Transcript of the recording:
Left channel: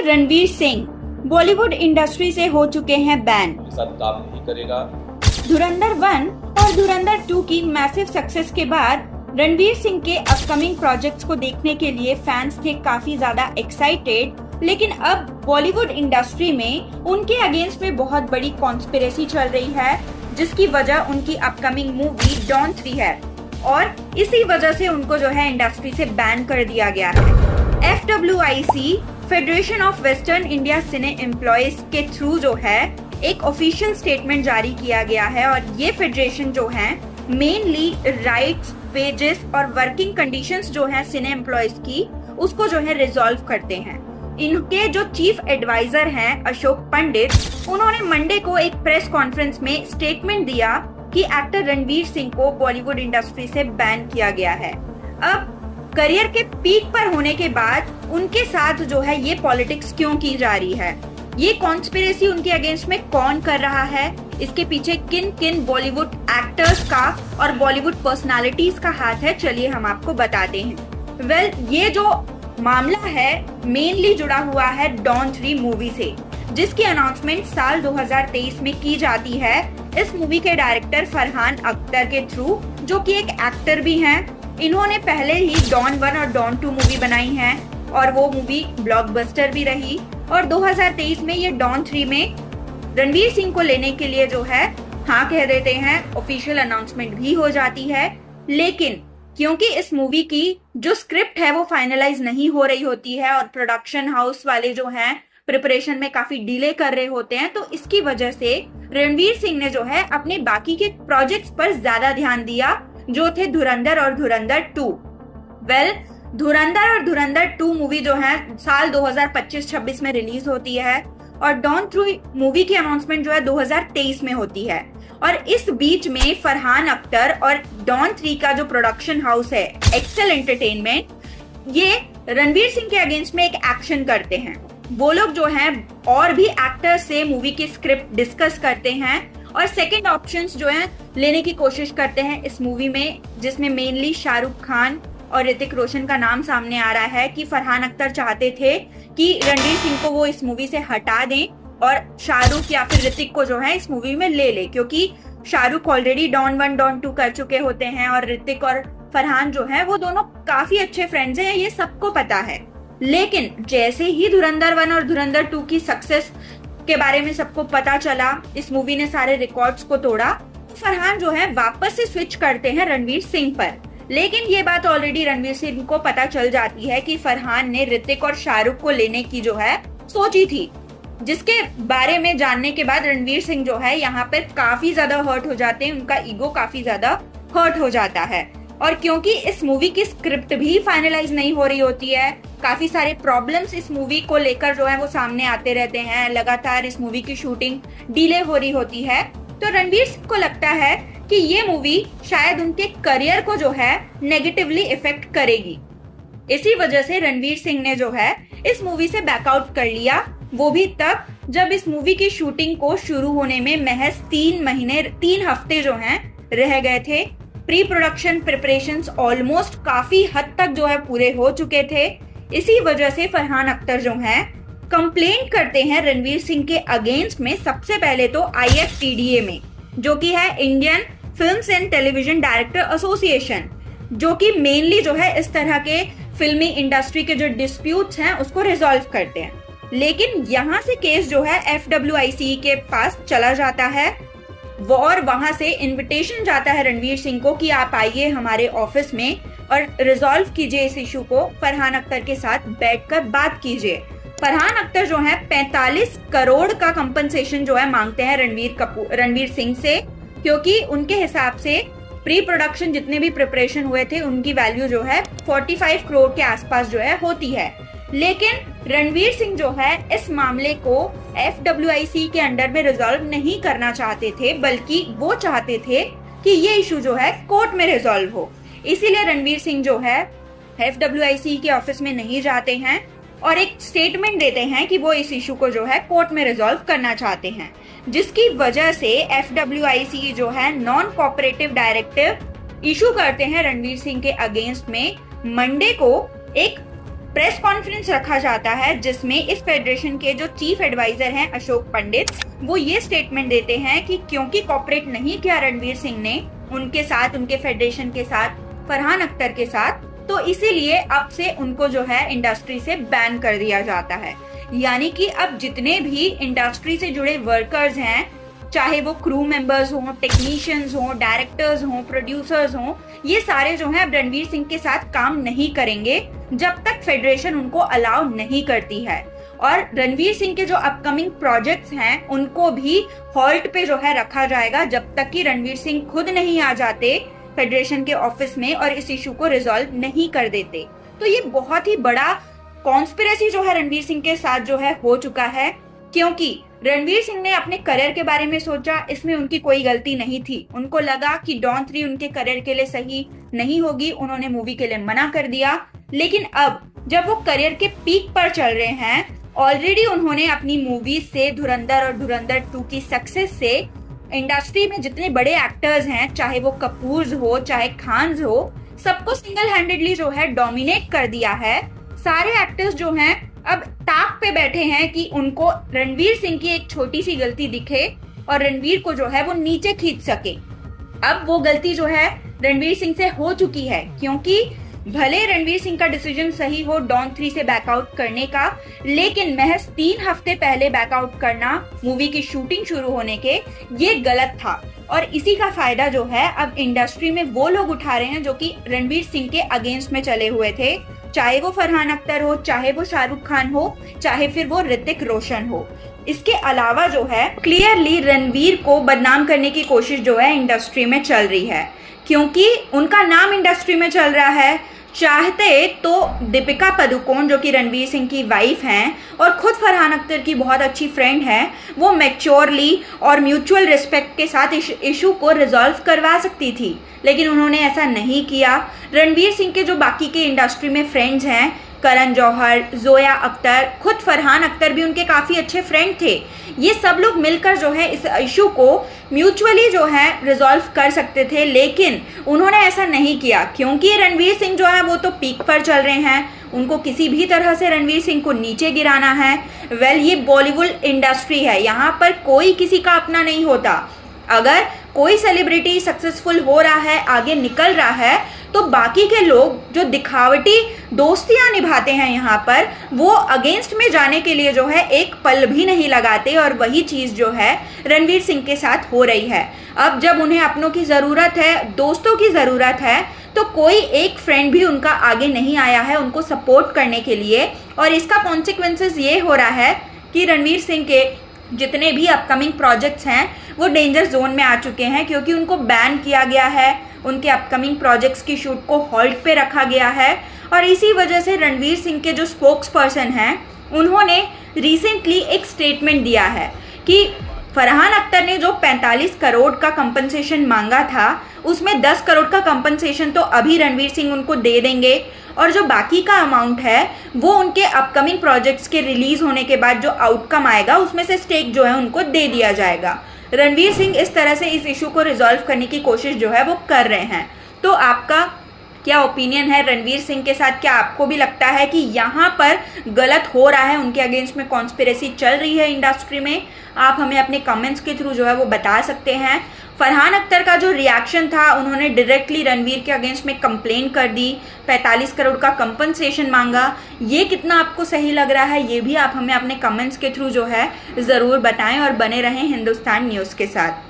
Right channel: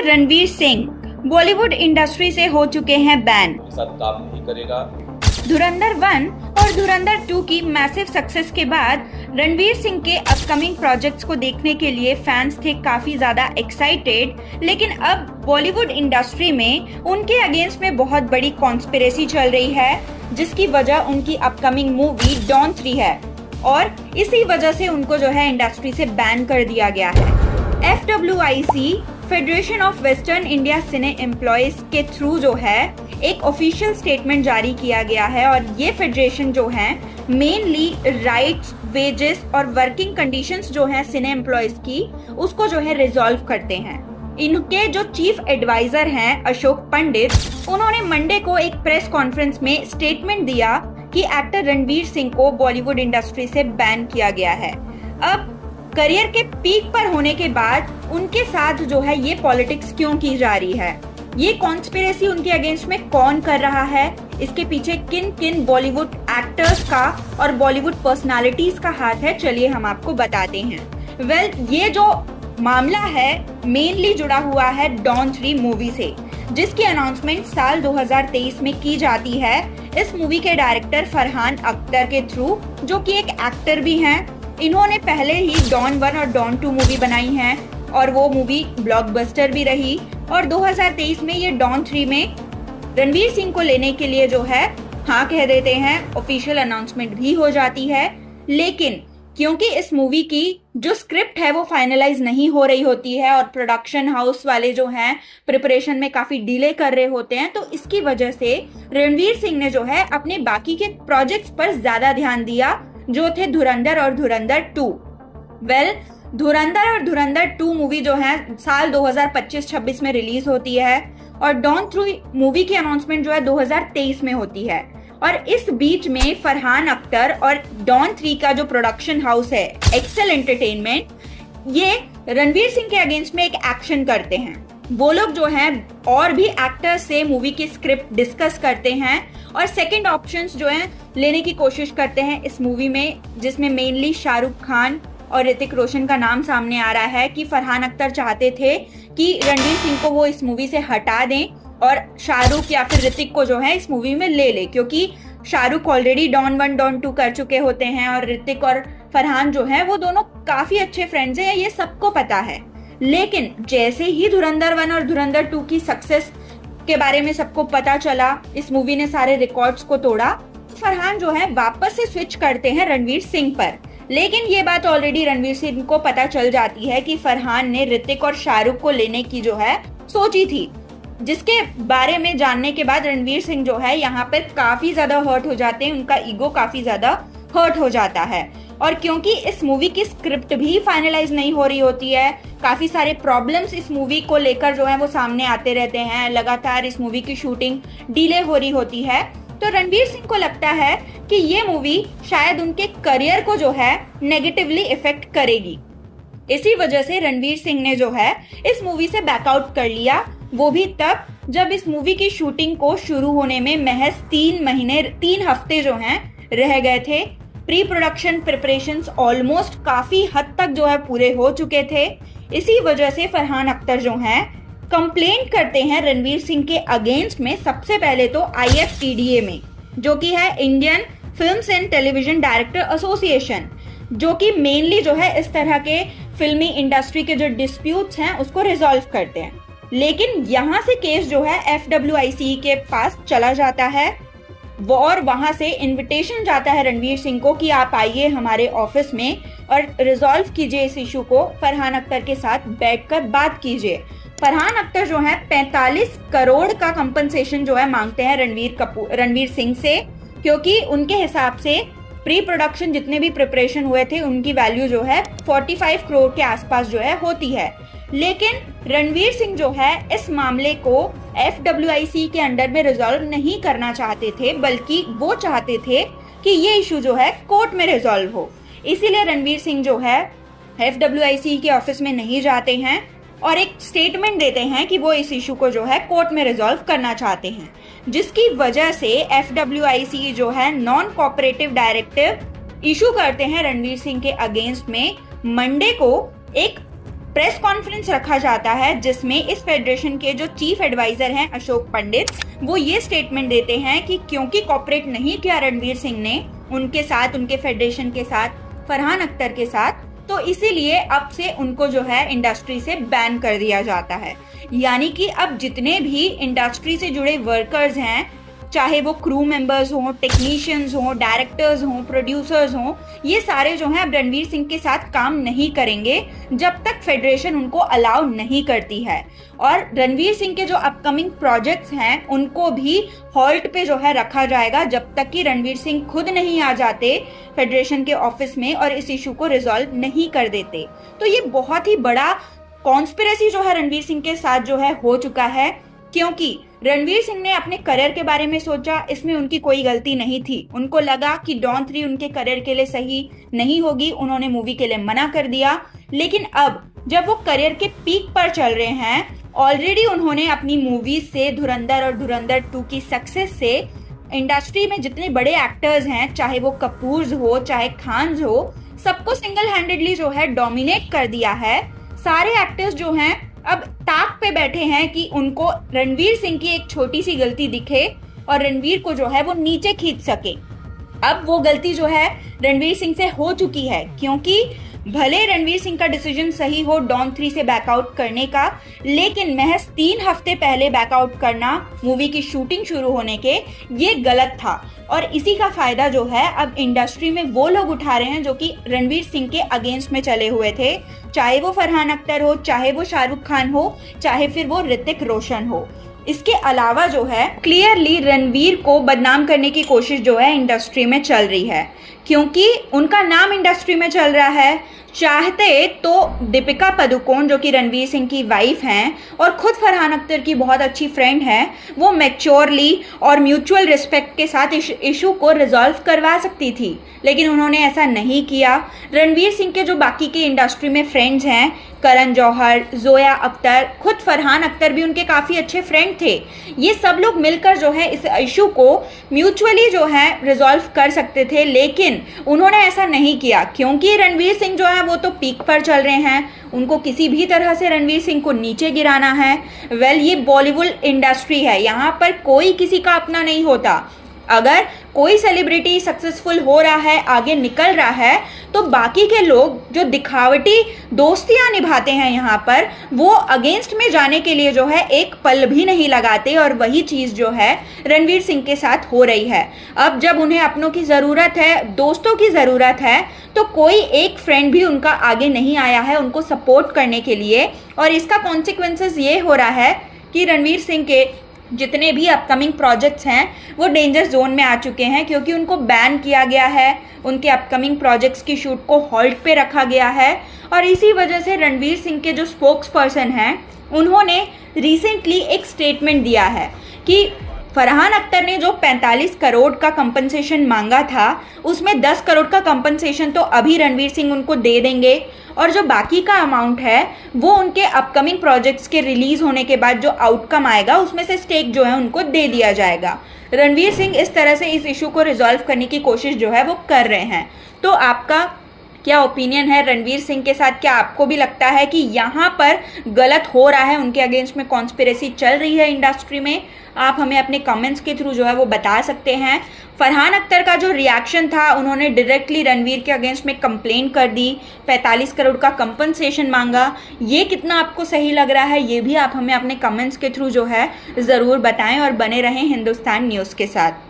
Actor Ranveer Singh Bollywood industry से हो चुके हैं बैन। साथ काम नहीं करेगा। धुरंधर 1 और धुरंधर 2 की मैसिव सक्सेस के बाद रणवीर सिंह के अपकमिंग प्रोजेक्ट्स को देखने के लिए फैंस थे काफी ज्यादा एक्साइटेड, लेकिन अब बॉलीवुड इंडस्ट्री में उनके अगेंस्ट में बहुत बड़ी कॉन्स्पिरेसी चल रही है, जिसकी वजह उनकी अपकमिंग मूवी डॉन 3 है और इसी वजह से उनको जो है इंडस्ट्री से बैन कर दिया गया है। FWIC federation of western India cine employees के थ्रू जो है एक ऑफिशियल स्टेटमेंट जारी किया गया है और ये फेडरेशन जो है मेनली राइट्स, वेजेस और वर्किंग कंडीशंस जो है सिने एम्प्लॉयज की उसको जो है रिजॉल्व करते हैं। इनके जो चीफ एडवाइजर हैं अशोक पंडित, उन्होंने मंडे को एक प्रेस कॉन्फ्रेंस में स्टेटमेंट दिया कि एक्टर रणवीर सिंह को बॉलीवुड इंडस्ट्री से बैन किया गया है। अब करियर के पीक पर होने के बाद उनके साथ जो है ये पॉलिटिक्स क्यों की जा रही है, ये कॉन्स्पिरेसी उनके अगेंस्ट में कौन कर रहा है, इसके पीछे किन किन बॉलीवुड एक्टर्स का और बॉलीवुड पर्सनालिटीज का हाथ है, चलिए हम आपको बताते हैं। ये जो मामला है मेनली जुड़ा हुआ है डॉन 3 मूवी से, जिसकी अनाउंसमेंट साल 2023 में की जाती है इस मूवी के डायरेक्टर फरहान अख्तर के थ्रू, जो कि एक एक्टर भी हैं। इन्होंने पहले ही डॉन 1 और डॉन 2 मूवी बनाई है और वो मूवी ब्लॉकबस्टर भी रही और 2023 में ये डॉन 3 में रणवीर सिंह को लेने के लिए जो है हाँ कह देते हैं, ऑफिशियल अनाउंसमेंट भी हो जाती है। लेकिन क्योंकि इस मूवी की जो स्क्रिप्ट है वो फाइनलाइज नहीं हो रही होती है और प्रोडक्शन हाउस वाले जो हैं प्रिपरेशन में काफी डिले कर रहे होते हैं, तो इसकी वजह से रणवीर सिंह ने जो है अपने बाकी के प्रोजेक्ट्स पर ज्यादा ध्यान दिया, जो थे धुरंधर और धुरंधर 2। धुरंधर और धुरंधर 2 मूवी जो है साल 2025-26 में रिलीज होती है और डॉन 3 मूवी की अनाउंसमेंट जो है 2023 में होती है। और इस बीच में फरहान अख्तर और डॉन 3 का जो प्रोडक्शन हाउस है एक्सेल एंटरटेनमेंट, ये रणवीर सिंह के अगेंस्ट में एक एक्शन करते हैं। वो लोग जो हैं और भी एक्टर्स से मूवी की स्क्रिप्ट डिस्कस करते हैं और सेकंड ऑप्शंस जो हैं लेने की कोशिश करते हैं इस मूवी में, जिसमें मेनली शाहरुख खान और ऋतिक रोशन का नाम सामने आ रहा है कि फरहान अख्तर चाहते थे कि रणवीर सिंह को वो इस मूवी से हटा दें और शाहरुख या फिर ऋतिक को जो है इस मूवी में ले, क्योंकि शाहरुख ऑलरेडी डॉन 1 डॉन 2 कर चुके होते हैं और ऋतिक और फरहान जो है वो दोनों काफी अच्छे फ्रेंड्स हैं, ये सबको पता है। लेकिन जैसे ही धुरंधर 1 और धुरंधर 2 की सक्सेस के बारे में सबको पता चला, इस मूवी ने सारे रिकॉर्ड्स को तोड़ा, फरहान जो है वापस से स्विच करते हैं रणवीर सिंह पर। लेकिन ये बात ऑलरेडी रणवीर सिंह को पता चल जाती है कि फरहान ने ऋतिक और शाहरुख को लेने की जो है सोची थी, जिसके बारे में जानने के बाद रणवीर सिंह जो है यहाँ पर काफी ज्यादा हर्ट हो जाते हैं, उनका ईगो काफी ज्यादा हर्ट हो जाता है। और क्योंकि इस मूवी की स्क्रिप्ट भी फाइनलाइज नहीं हो रही होती है, काफी सारे प्रॉब्लम्स इस मूवी को लेकर जो है वो सामने आते रहते हैं, लगातार इस मूवी की शूटिंग डिले हो रही होती है, तो रणवीर सिंह को लगता है कि ये मूवी शायद उनके करियर को जो है नेगेटिवली इफेक्ट करेगी। इसी वजह से रणवीर सिंह ने जो है इस मूवी से बैकआउट कर लिया, वो भी तब जब इस मूवी की शूटिंग को शुरू होने में महज 3 हफ्ते जो हैं रह गए थे। प्री प्रोडक्शन प्रिपरेशंस ऑलमोस्ट काफी हद तक जो है पूरे हो चुके थे। इसी वजह से फरहान अख्तर जो हैं कंप्लेंट करते हैं रणवीर सिंह के अगेंस्ट में, सबसे पहले तो IFTDA में, जो कि है Indian films and television director association, जो कि मेनली जो है इस तरह के फिल्मी इंडस्ट्री के जो डिस्प्यूट्स हैं उसको रिजॉल्व करते हैं। लेकिन यहाँ से केस जो है FWIC के पास चला जाता है वो, और वहां से इनविटेशन जाता है रणवीर सिंह को कि आप आइए हमारे ऑफिस में और रिजॉल्व कीजिए इस इशू को, फरहान अख्तर के साथ बैठकर बात कीजिए। फरहान अख्तर जो है 45 करोड़ का कंपनसेशन जो है मांगते हैं रणवीर सिंह से, क्योंकि उनके हिसाब से प्री प्रोडक्शन जितने भी प्रिपरेशन हुए थे उनकी वैल्यू जो है 45 करोड़ के आसपास जो है होती है। लेकिन रणवीर सिंह जो है इस मामले को FWIC के अंडर में रिजॉल्व नहीं करना चाहते थे, बल्कि वो चाहते थे कि ये इशू जो है कोर्ट में रिजॉल्व हो। इसीलिए रणवीर सिंह जो है FWIC के ऑफिस में नहीं जाते हैं और एक स्टेटमेंट देते हैं कि वो इस इशू को जो है कोर्ट में रिजॉल्व करना चाहते हैं, जिसकी वजह से FWIC जो है नॉन कोऑपरेटिव डायरेक्टिव इशू करते हैं रणवीर सिंह के अगेंस्ट में। मंडे को एक प्रेस कॉन्फ्रेंस रखा जाता है जिसमें इस फेडरेशन के जो चीफ एडवाइजर हैं अशोक पंडित, वो ये स्टेटमेंट देते हैं कि क्योंकि कॉपरेट नहीं किया रणवीर सिंह ने उनके साथ, उनके फेडरेशन के साथ, फरहान अख्तर के साथ, तो इसीलिए अब से उनको जो है इंडस्ट्री से बैन कर दिया जाता है। यानी कि अब जितने भी इंडस्ट्री से जुड़े वर्कर्स हैं, चाहे वो क्रू मेंबर्स हों, टेक्नीशियंस हों, डायरेक्टर्स हों, प्रोड्यूसर्स हों, ये सारे जो हैं अब रणवीर सिंह के साथ काम नहीं करेंगे जब तक फेडरेशन उनको अलाउ नहीं करती है। और रणवीर सिंह के जो अपकमिंग प्रोजेक्ट्स हैं उनको भी हॉल्ट पे जो है रखा जाएगा जब तक कि रणवीर सिंह खुद नहीं आ जाते फेडरेशन के ऑफिस में और इस इशू को रिजॉल्व नहीं कर देते। तो ये बहुत ही बड़ा कॉन्स्पिरेसी जो है रणवीर सिंह के साथ जो है हो चुका है, क्योंकि रणवीर सिंह ने अपने करियर के बारे में सोचा, इसमें उनकी कोई गलती नहीं थी। उनको लगा कि डॉन 3 उनके करियर के लिए सही नहीं होगी, उन्होंने मूवी के लिए मना कर दिया। लेकिन अब जब वो करियर के पीक पर चल रहे हैं, ऑलरेडी उन्होंने अपनी मूवीज से, धुरंधर और धुरंधर 2 की सक्सेस से इंडस्ट्री में जितने बड़े एक्टर्स हैं, चाहे वो कपूर्स हो चाहे खान्स हो, सबको सिंगल हैंडेडली जो है डोमिनेट कर दिया है। सारे एक्टर्स जो हैं अब ताक पे बैठे हैं कि उनको रणवीर सिंह की एक छोटी सी गलती दिखे और रणवीर को जो है वो नीचे खींच सके। अब वो गलती जो है रणवीर सिंह से हो चुकी है, क्योंकि भले रणवीर सिंह का डिसीजन सही हो डॉन 3 से बैकआउट करने का, लेकिन महज 3 हफ्ते पहले बैकआउट करना मूवी की शूटिंग शुरू होने के, ये गलत था। और इसी का फायदा जो है अब इंडस्ट्री में वो लोग उठा रहे हैं जो कि रणवीर सिंह के अगेंस्ट में चले हुए थे, चाहे वो फरहान अख्तर हो, चाहे वो शाहरुख खान हो, चाहे फिर वो ऋतिक रोशन हो। इसके अलावा जो है क्लियरली रणवीर को बदनाम करने की कोशिश जो है इंडस्ट्री में चल रही है, क्योंकि उनका नाम इंडस्ट्री में चल रहा है। चाहते तो दीपिका पादुकोण जो कि रणवीर सिंह की वाइफ हैं और खुद फरहान अख्तर की बहुत अच्छी फ्रेंड हैं, वो मैच्योरली और म्यूचुअल रिस्पेक्ट के साथ इशू को रिजॉल्व करवा सकती थी, लेकिन उन्होंने ऐसा नहीं किया। रणवीर सिंह के जो बाकी के इंडस्ट्री में फ्रेंड्स हैं, करण जौहर, जोया अख्तर, खुद फरहान अख्तर भी उनके काफ़ी अच्छे फ्रेंड थे, ये सब लोग मिलकर जो है इस इशू को म्यूचुअली जो है रिजॉल्व कर सकते थे, लेकिन उन्होंने ऐसा नहीं किया, क्योंकि रणवीर सिंह जो है वो तो पीक पर चल रहे हैं, उनको किसी भी तरह से रणवीर सिंह को नीचे गिराना है। ये बॉलीवुड इंडस्ट्री है, यहाँ पर कोई किसी का अपना नहीं होता। अगर कोई सेलिब्रिटी सक्सेसफुल हो रहा है, आगे निकल रहा है, तो बाकी के लोग जो दिखावटी दोस्तियां निभाते हैं यहाँ पर, वो अगेंस्ट में जाने के लिए जो है एक पल भी नहीं लगाते, और वही चीज़ जो है रणवीर सिंह के साथ हो रही है। अब जब उन्हें अपनों की ज़रूरत है, दोस्तों की ज़रूरत है, तो कोई एक फ्रेंड भी उनका आगे नहीं आया है उनको सपोर्ट करने के लिए, और इसका कॉन्सिक्वेंसेस ये हो रहा है कि रणवीर सिंह के जितने भी अपकमिंग प्रोजेक्ट्स हैं वो डेंजर जोन में आ चुके हैं, क्योंकि उनको बैन किया गया है, उनके अपकमिंग प्रोजेक्ट्स की शूट को हॉल्ट पे रखा गया है। और इसी वजह से रणवीर सिंह के जो स्पोक्स पर्सन हैं, उन्होंने रिसेंटली एक स्टेटमेंट दिया है कि फरहान अख्तर ने जो 45 करोड़ का कंपनसेशन मांगा था, उसमें 10 करोड़ का कंपनसेशन तो अभी रणवीर सिंह उनको दे देंगे, और जो बाकी का अमाउंट है वो उनके अपकमिंग प्रोजेक्ट्स के रिलीज होने के बाद जो आउटकम आएगा उसमें से स्टेक जो है उनको दे दिया जाएगा। रणवीर सिंह इस तरह से इस इशू को रिजॉल्व करने की कोशिश जो है वो कर रहे हैं। तो आपका क्या ओपिनियन है रणवीर सिंह के साथ? क्या आपको भी लगता है कि यहाँ पर गलत हो रहा है, उनके अगेंस्ट में कॉन्स्पिरेसी चल रही है इंडस्ट्री में? आप हमें अपने कमेंट्स के थ्रू जो है वो बता सकते हैं। फरहान अख्तर का जो रिएक्शन था, उन्होंने डायरेक्टली रणवीर के अगेंस्ट में कंप्लेन कर दी, 45 करोड़ का कंपनसेशन मांगा, ये कितना आपको सही लग रहा है, ये भी आप हमें अपने कमेंट्स के थ्रू जो है ज़रूर बताएं, और बने रहें हिंदुस्तान न्यूज़ के साथ।